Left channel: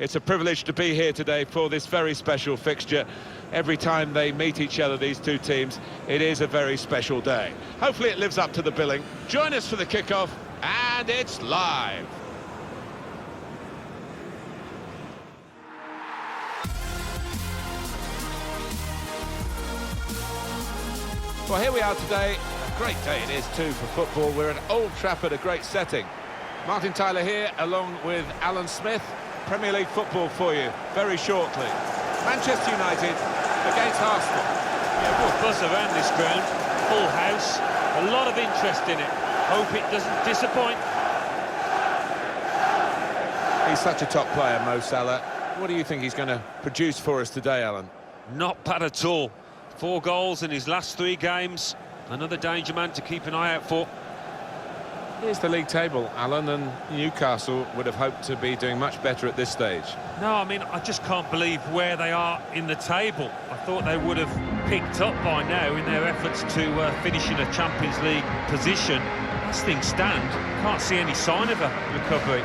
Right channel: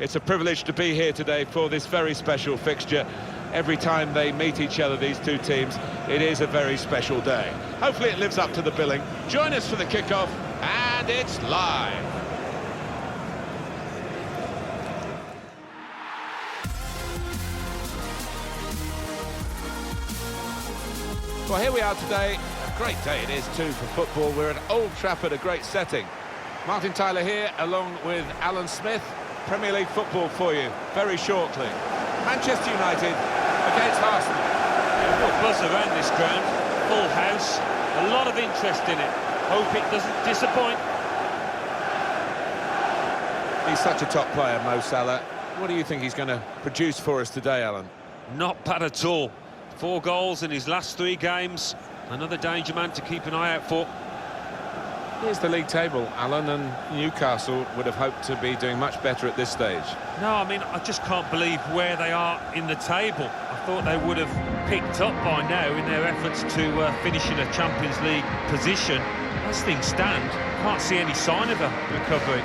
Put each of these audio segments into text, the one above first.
It's a privilege to be here today for this very special fixture. Every time they meet each other, these two teams, it is a very special day. Hopefully it lives up to the billing. Join us for the kickoff, and it's live. Well, here we are today. A great day it is too for football. We're at Old Trafford, a great setting. Martin Tyler here, along with Alan Smith. Premier League football for you very shortly. Manchester United against Arsenal. Yeah, real buzz around this ground. Full house, a lot of interest in it. Hope it doesn't disappoint. He's such a top player, Mo Salah. What do you think he's going to produce for us today, Alan? Not bad at all. 4 goals in his last 3 games. Another danger man to keep an eye out for. Here's the league table, Alan, and Newcastle would have hoped to be doing much better at this stage. No, I mean, I just can't believe where they are in the table. I thought they would have picked up by now in their efforts to finish in a Champions League position. As things stand, can't see any sign of a recovery.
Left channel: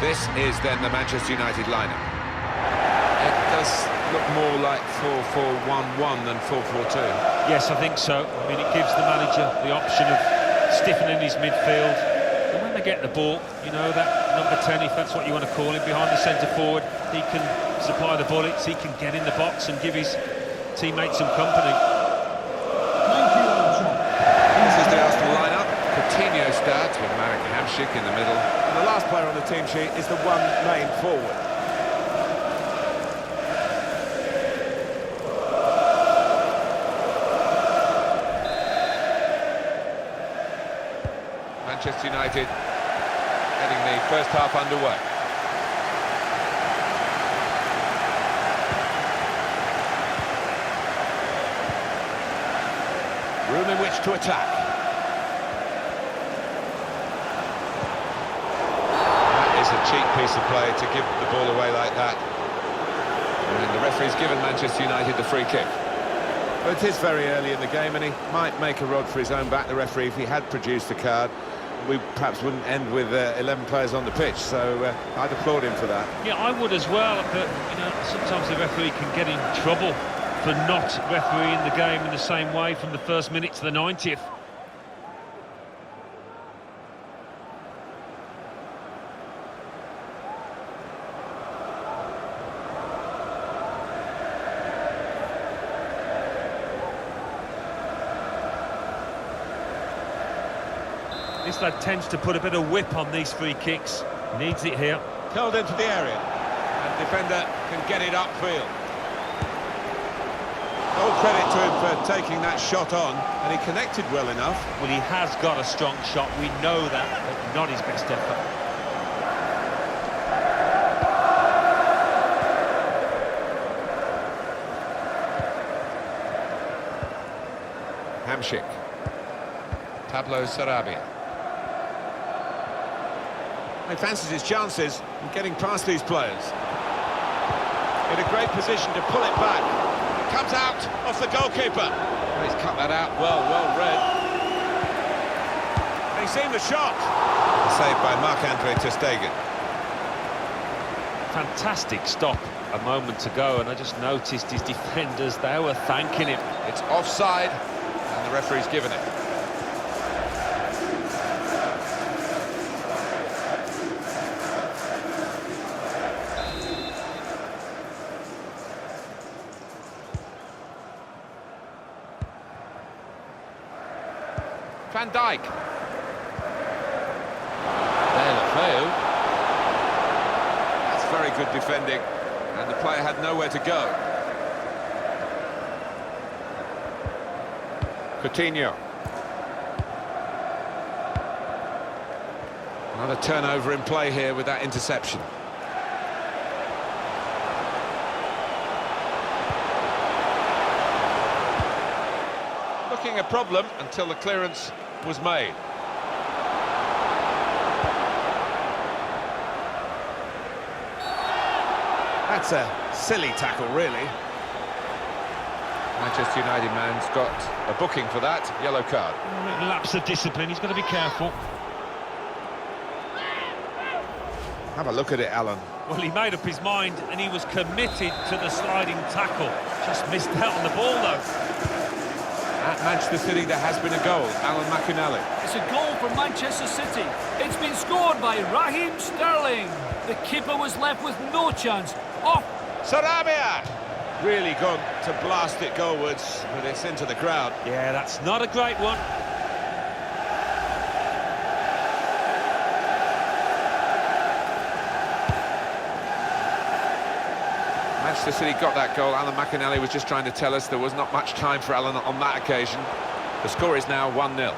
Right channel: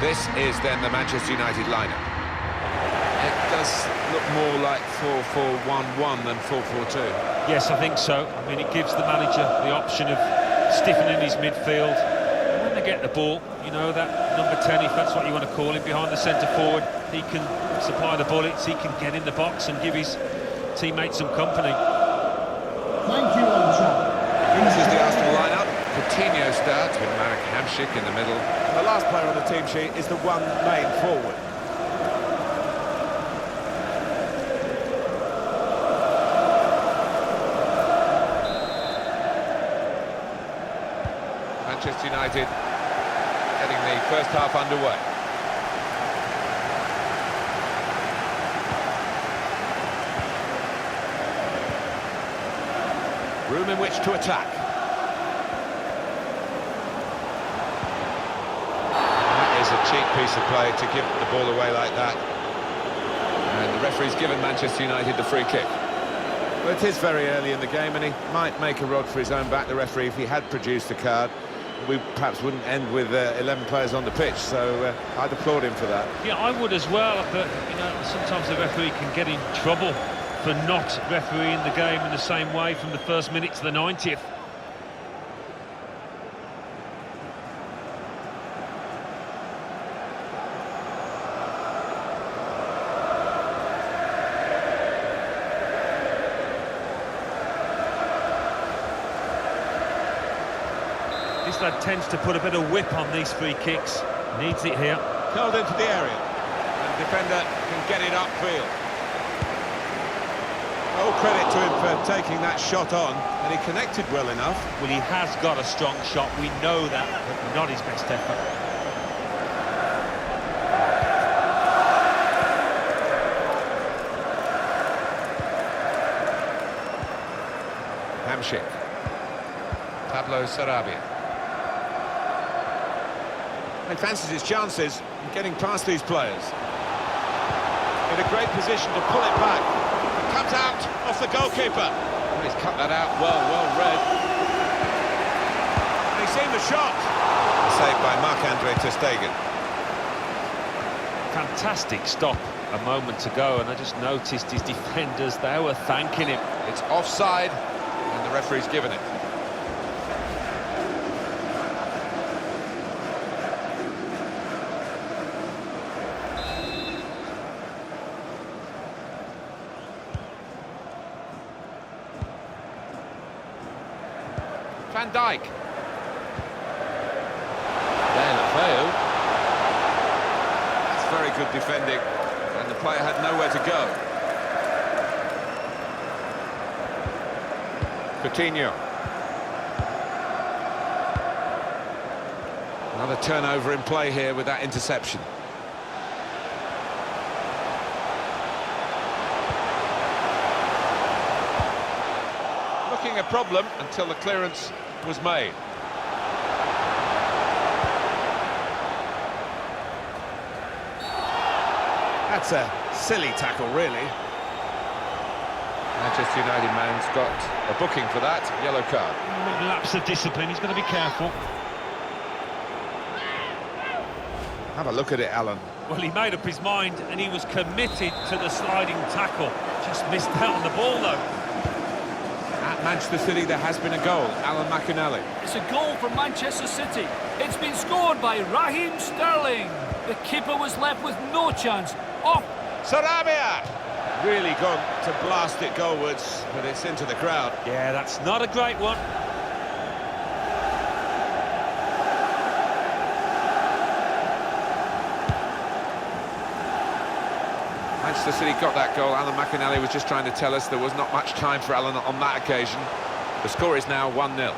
This is then the Manchester United lineup. It does look more like 4-4-1-1 than 4-4-2. Yes, I think so. I mean, it gives the manager the option of stiffening his midfield. And when they get the ball, you know, that number 10, if that's what you want to call him, behind the centre forward, he can supply the bullets, he can get in the box and give his teammates some company. Thank you, Old Trafford. This is the Arsenal lineup. Coutinho starts with Marek Hamšík in the middle. And the last player on the team sheet is the one main forward. Manchester United getting the first half underway. Room in which to attack. That is a cheap piece of play to give the ball away like that. And the referee's given Manchester United the free kick. But it is very early in the game, and he might make a rod for his own back, the referee, if he had produced a card. We perhaps wouldn't end with 11 players on the pitch, so I'd applaud him for that. Yeah, I would as well, but, you know, sometimes the referee can get in trouble for not refereeing the game in the same way from the first minute to the 90th. This lad tends to put a bit of whip on these free kicks. Needs it here. Curled into the area, and the defender can get it upfield. All credit to him for taking that shot on, and he connected well enough. Well, he has got a strong shot, we know that, but not his best effort. Hamšík. Pablo Sarabia. He fancies his chances in getting past these players. In a great position to pull it back. It comes out off the goalkeeper. And he's cut that out well read. And he's seen the shot. Saved by Marc-Andre ter Stegen. Fantastic stop a moment ago, and I just noticed his defenders, they were thanking him. It's offside, and the referee's given it. Van Dijk. Deulofeu. That's very good defending, and the player had nowhere to go. Coutinho. Another turnover in play here with that interception. looking a problem until the clearance was made. That's a silly tackle, really. Manchester United man's got a booking for that, yellow card. A little lapse of discipline, he's got to be careful. Have a look at it, Alan. Well, he made up his mind and he was committed to the sliding tackle. Just missed out on the ball, though. At Manchester City, there has been a goal. Alan McInally. It's a goal for Manchester City. It's been scored by Raheem Sterling. The keeper was left with no chance. Off. Sarabia! Really gone to blast it goalwards, but it's into the crowd. Yeah, that's not a great one. Manchester City got that goal. Alan McInally was just trying to tell us there was not much time for Alan on that occasion. The score is now 1-0. They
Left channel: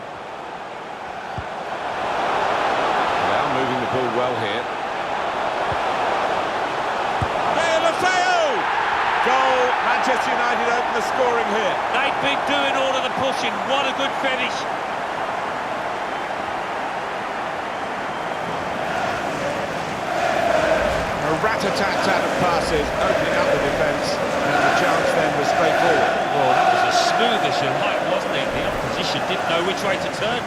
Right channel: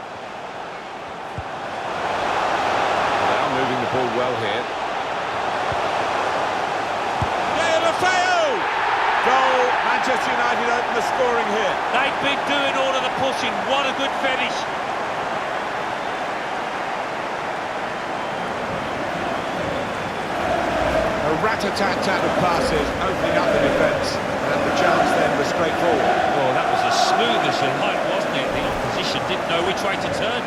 are moving the ball well here. Goal, Manchester United open the scoring here. They've been doing all of the pushing. What a good finish. A rat-a-tat-tat of passes, opening up the defence, and the chance then was straightforward. Oh, that was as smooth as you like, wasn't it? The opposition didn't know which way to turn.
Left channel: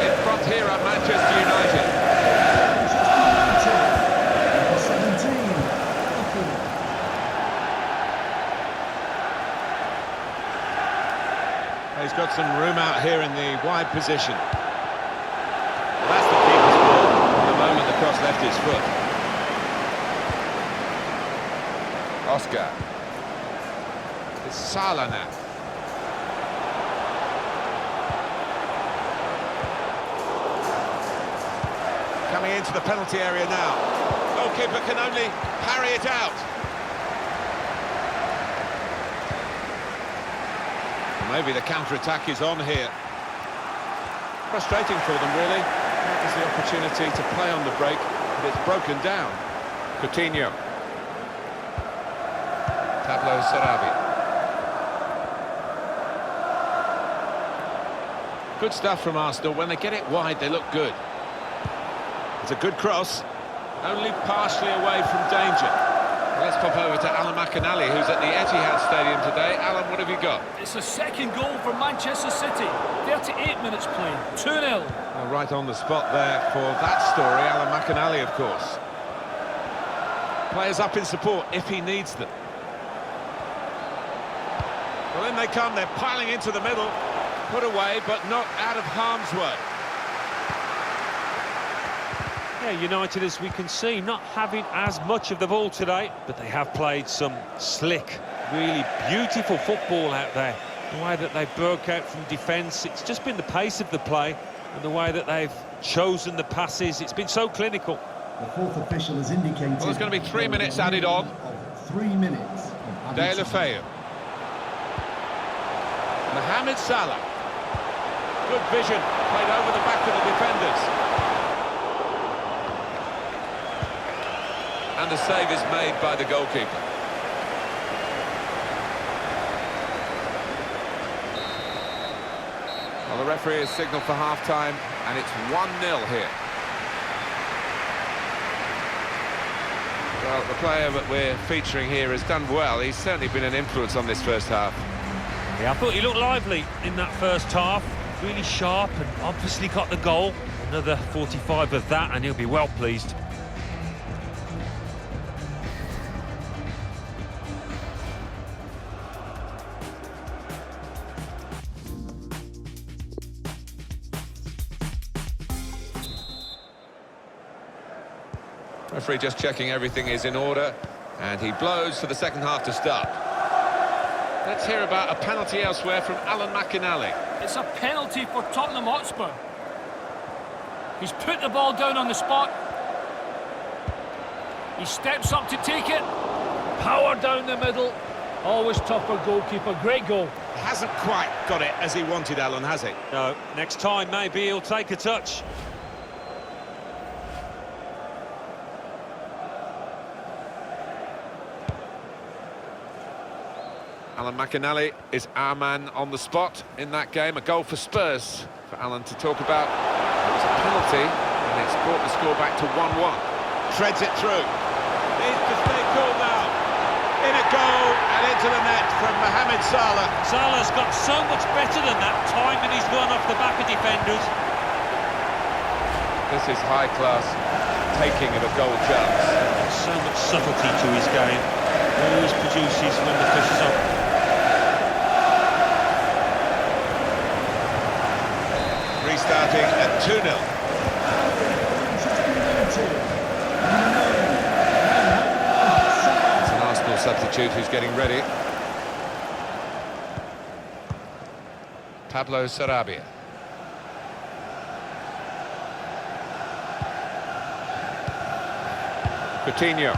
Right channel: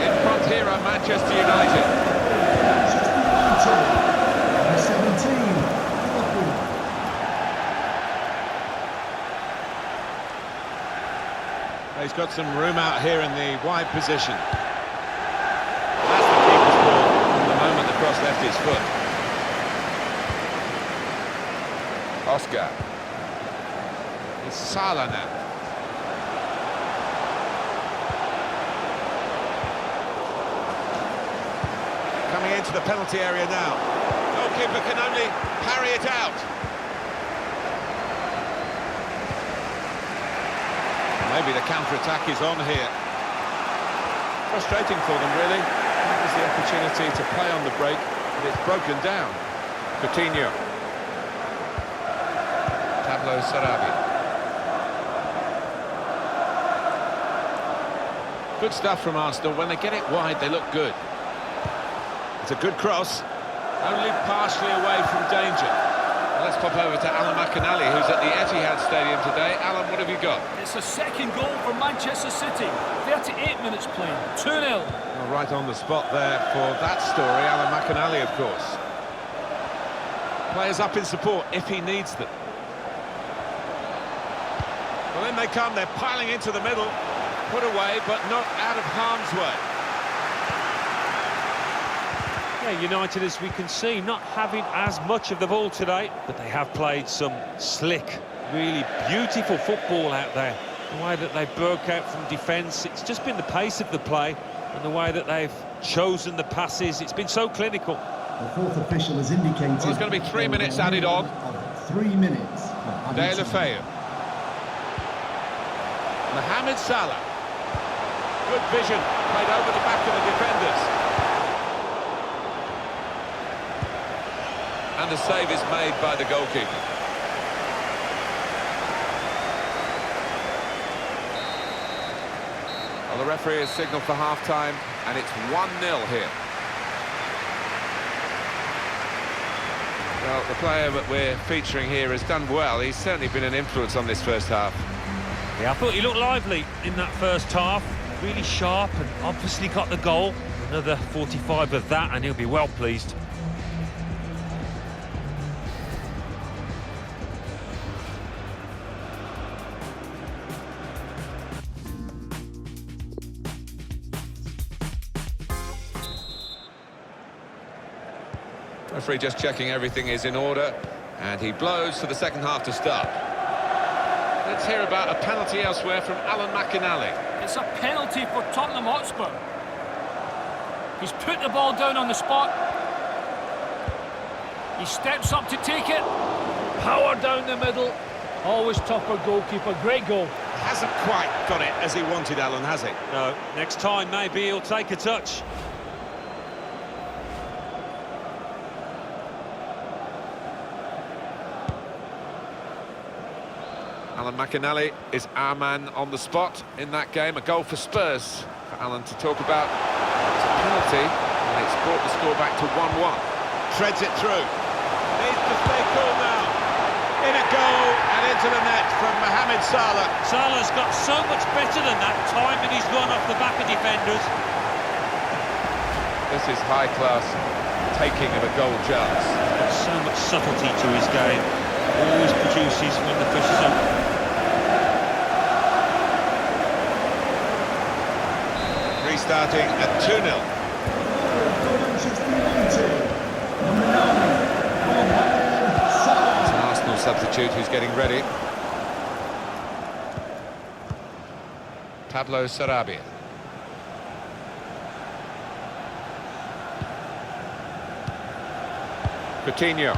In front here are Manchester United. Manchester United. Number 17, Liverpool. He's got some room out here in the wide position. Well, that's the keeper's ball from the moment the cross left his foot. Oscar. It's Salah now. Coming into the penalty area now. Goalkeeper can only parry it out. Maybe the counter-attack is on here. Frustrating for them, really. That was the opportunity to play on the break, but it's broken down. Coutinho. Pablo Sarabia. Good stuff from Arsenal. When they get it wide, they look good. It's a good cross. Only partially away from danger. Well, let's pop over to Alan McInally, who's at the Etihad Stadium today. Alan, what have you got? It's a second goal for Manchester City. 38 minutes playing. 2-0. Well, right on the spot there for that story. Alan McInally, of course. Players up in support if he needs them. Well, in they come. They're piling into the middle. Put away, but not out of harm's way. Yeah, United, as we can see, not having as much of the ball today, but they have played some slick, really beautiful football out there. The way that they broke out from defence, it's just been the pace of the play and the way that they've chosen the passes. It's been so clinical. The fourth official has indicated... Well, there's going to be 3 minutes added on. 3 minutes. De La Feu. Mohamed Salah. Good vision, played over the back of the defenders. And the save is made by the goalkeeper. Well, the referee has signalled for half-time, and it's 1-0 here. Well, the player that we're featuring here has done well. He's certainly been an influence on this first half. Yeah, I thought he looked lively in that first half. Really sharp and obviously got the goal. Another 45 of that, and he'll be well pleased. Referee just checking everything is in order, and he blows for the second half to start. Let's hear about a penalty elsewhere from Alan McInally. It's a penalty for Tottenham Hotspur. He's put the ball down on the spot. He steps up to take it. Power down the middle. Always tough for goalkeeper. Great goal. Hasn't quite got it as he wanted, Alan, has he? No, next time maybe he'll take a touch. Alan McInally is our man on the spot in that game. A goal for Spurs for Alan to talk about. It was a penalty, and it's brought the score back to 1-1. Treads it through. Needs to stay cool now. In a goal and into the net from Mohamed Salah. Salah's got so much better than that, timing his run off the back of defenders. This is high-class taking of a goal chance. He's got so much subtlety to his game. Always produces when the pressure's on. Restarting at 2-0. For Manchester United, number 9, Mohamed Salah. It's an Arsenal substitute who's getting ready. Pablo Sarabia. Coutinho.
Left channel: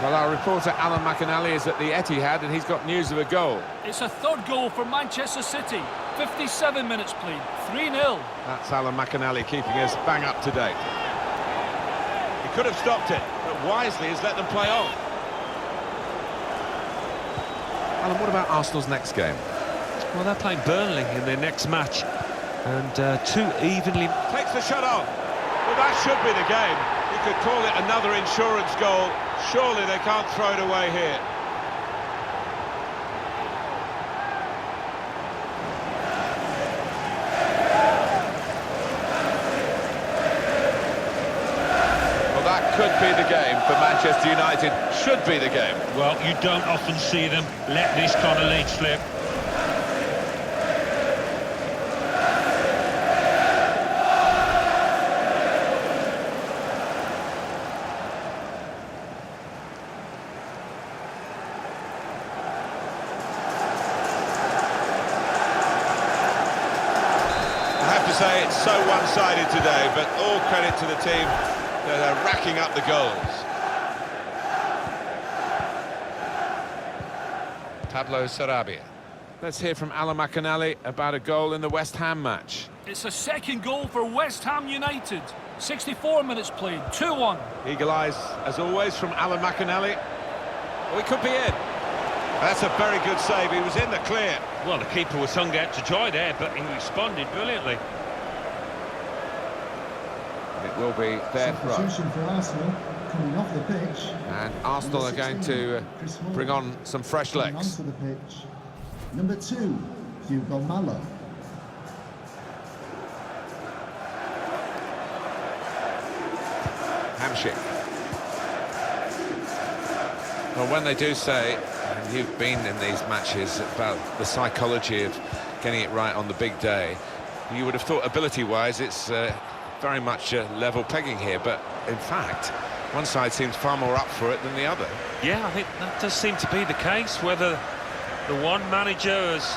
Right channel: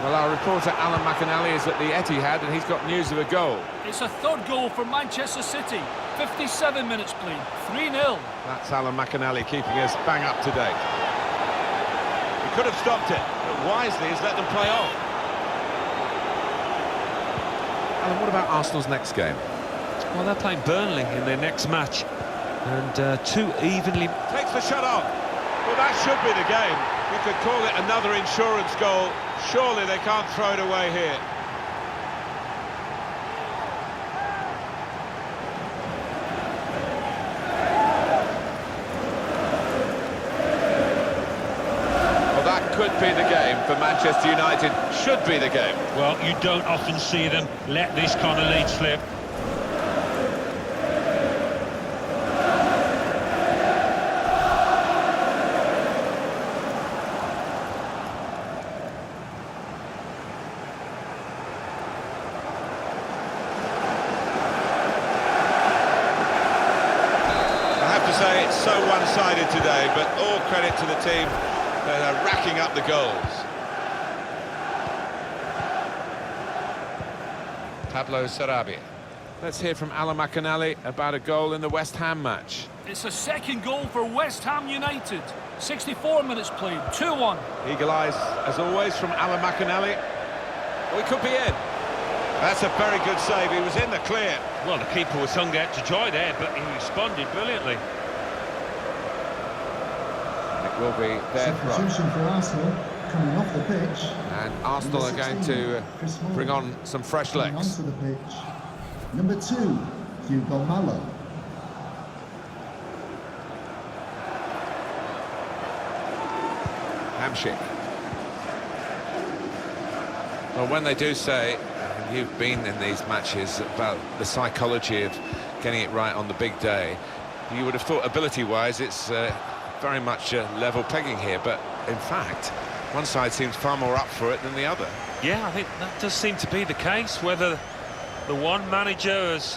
Well, our reporter Alan McInally is at the Etihad and he's got news of a goal. It's a third goal for Manchester City. 57 minutes played, 3-0. That's Alan McInally keeping us bang up to date. He could have stopped it, but wisely has let them play on. Alan, what about Arsenal's next game? Well, they're playing Burnley in their next match, and two evenly... Takes the shot on. Well, that should be the game. You could call it another insurance goal. Surely they can't throw it away here. Well, that could be the game for Manchester United. Should be the game. Well, you don't often see them let this kind of lead slip. I have to say it's so one-sided today, but all credit to the team that are racking up the goals. Pablo Sarabia. Let's hear from Alan McInally about a goal in the West Ham match. It's a second goal for West Ham United. 64 minutes played, 2-1. Eagle eyes, as always, from Alan McInally. Oh, he could be in. That's a very good save. He was in the clear. Well, the keeper was hung out to dry there, but he responded brilliantly. And it will be their throw. Substitution for Arsenal coming off the pitch. And Arsenal are going to bring on some fresh Coming legs. onto the pitch. Number 2, Hugo Malo. Hamsik. Well, when they do say, and you've been in these matches, about the psychology of getting it right on the big day, you would have thought ability-wise it's very much level pegging here, but in fact, one side seems far more up for it than the other. Yeah, I think that does seem to be the case. Whether the one manager has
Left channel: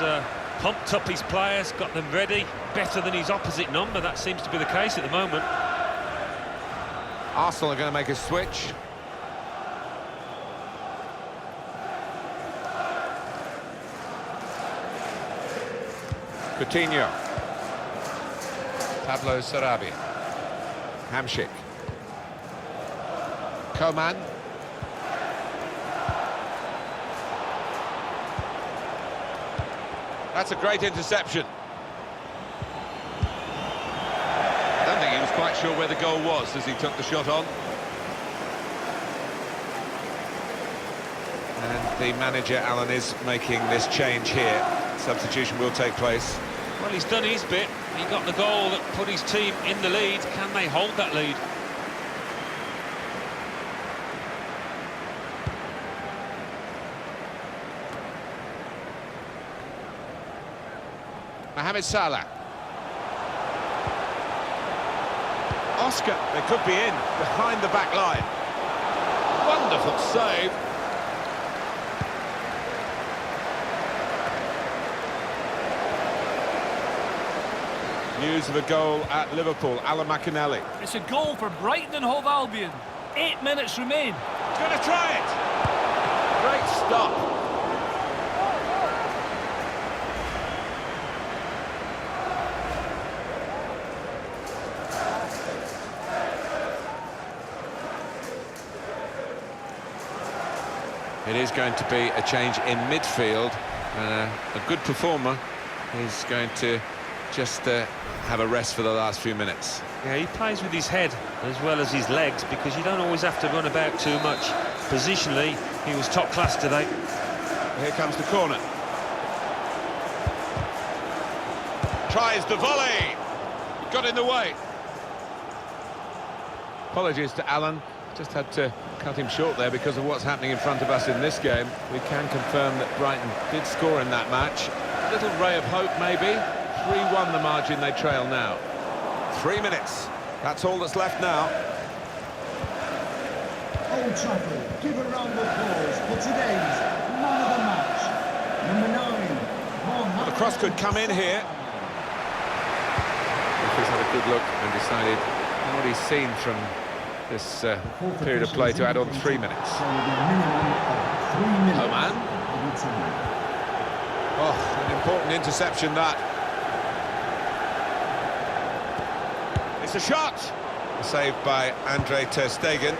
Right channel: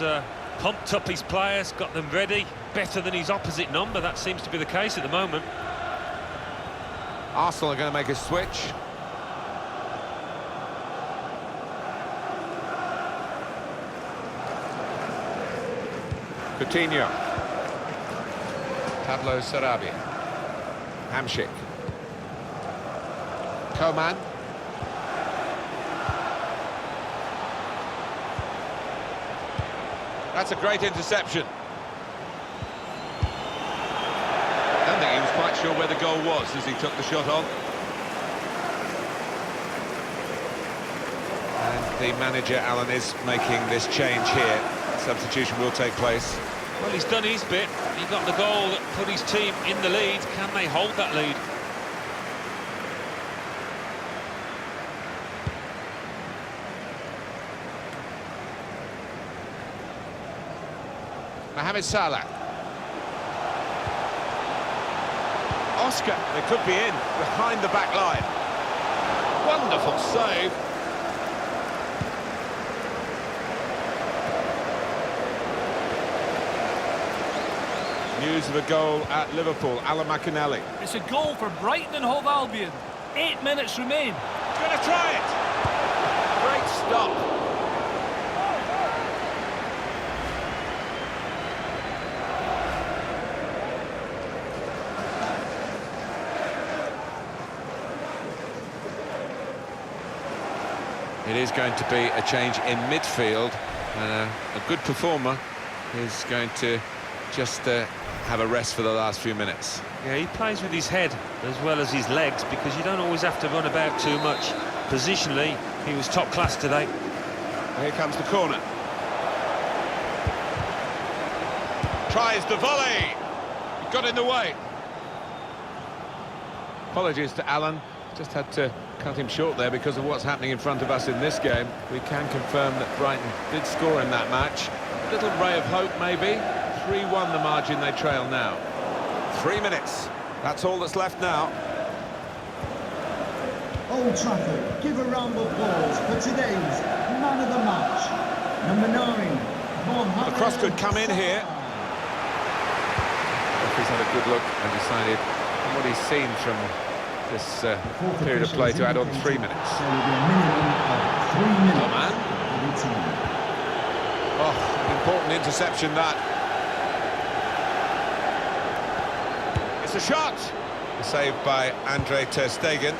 pumped up his players, got them ready, better than his opposite number, that seems to be the case at the moment. Arsenal are going to make a switch. Coutinho. Pablo Sarabia. Hamsik. Coman. That's a great interception. I don't think he was quite sure where the goal was as he took the shot on. And the manager, Alan, is making this change here. Substitution will take place. Well, he's done his bit. He got the goal that put his team in the lead. Can they hold that lead? Mohamed Salah. Oscar, they could be in, behind the back line. Wonderful save. News of a goal at Liverpool, Alan McInally. It's a goal for Brighton and Hove Albion. 8 minutes remain. Going to try it. Great stop. It is going to be a change in midfield. And a good performer is going to just have a rest for the last few minutes. Yeah, he plays with his head as well as his legs, because you don't always have to run about too much. Positionally, he was top class today. Here comes the corner. Tries the volley. He got in the way. Apologies to Alan. Just had to cut him short there because of what's happening in front of us in this game. We can confirm that Brighton did score in that match. A little ray of hope, maybe. 3-1 the margin they trail now. 3 minutes. That's all that's left now. Old Trafford, give a round of applause for today's man of the match. Number 9, Mohamed. The cross could come in here. Referee's had a good look and decided from what he's seen from this period of play to add on 3 minutes. There will be a minimum of 3 minutes. Oh, man. Oh, an important interception, that. It's a shot. A save by Andre ter Stegen.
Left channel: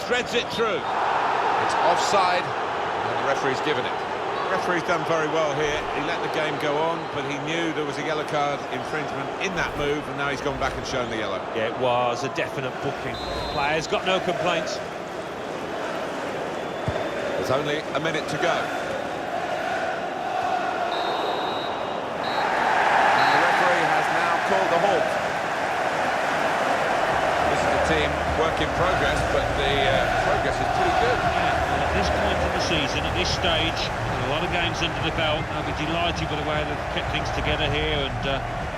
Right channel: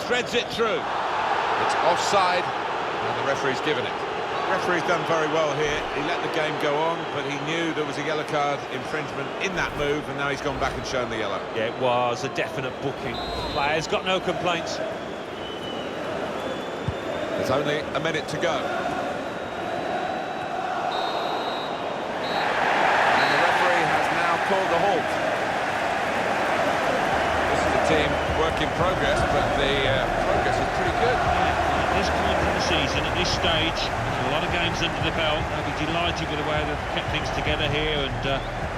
Threads it through. It's offside, and the referee's given it. The referee's done very well here. He let the game go on, but he knew there was a yellow card infringement in that move, and now he's gone back and shown the yellow. Yeah, it was a definite booking. The player's got no complaints. There's only a minute to go. And the referee has now called a halt. This is a team work in progress, but the progress is pretty good. Yeah, well, at this point in the season, at this stage, with a lot of games under the belt, they'll be delighted with the way they've kept things together here and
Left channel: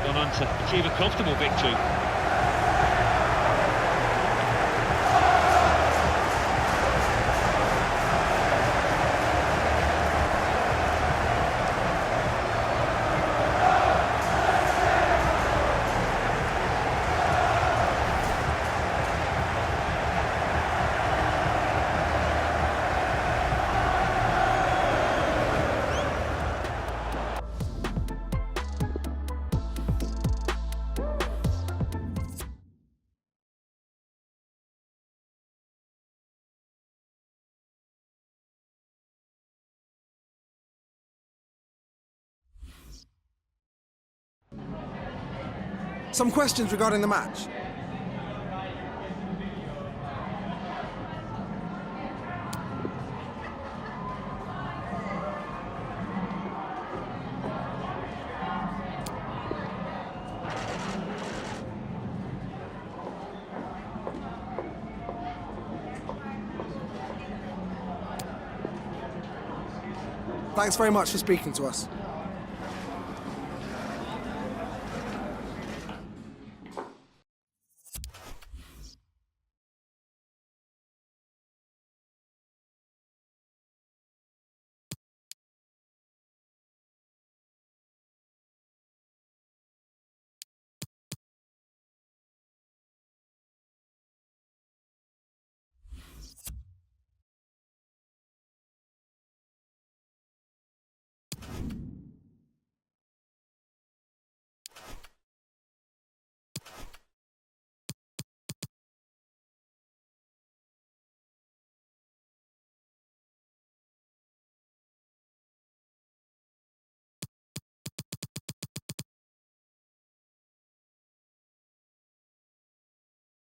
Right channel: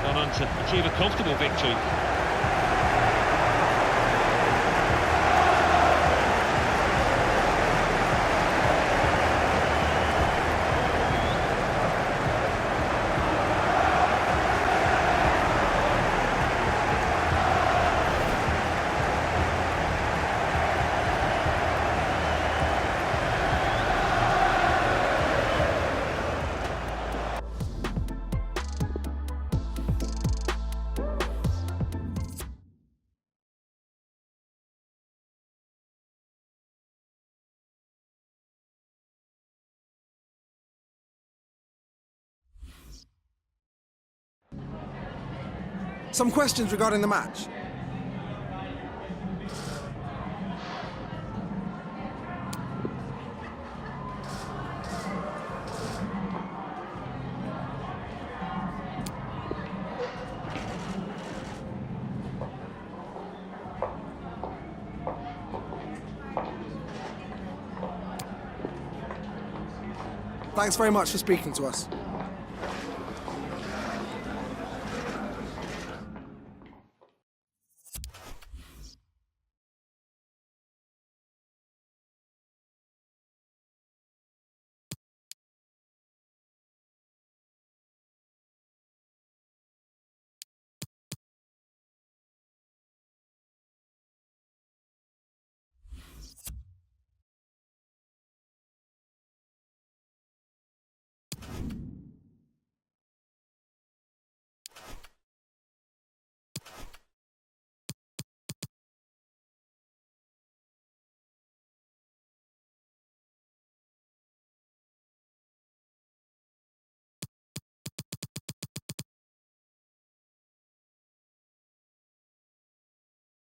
gone on to achieve a comfortable victory. Some questions regarding the match. Thanks very much for speaking to us.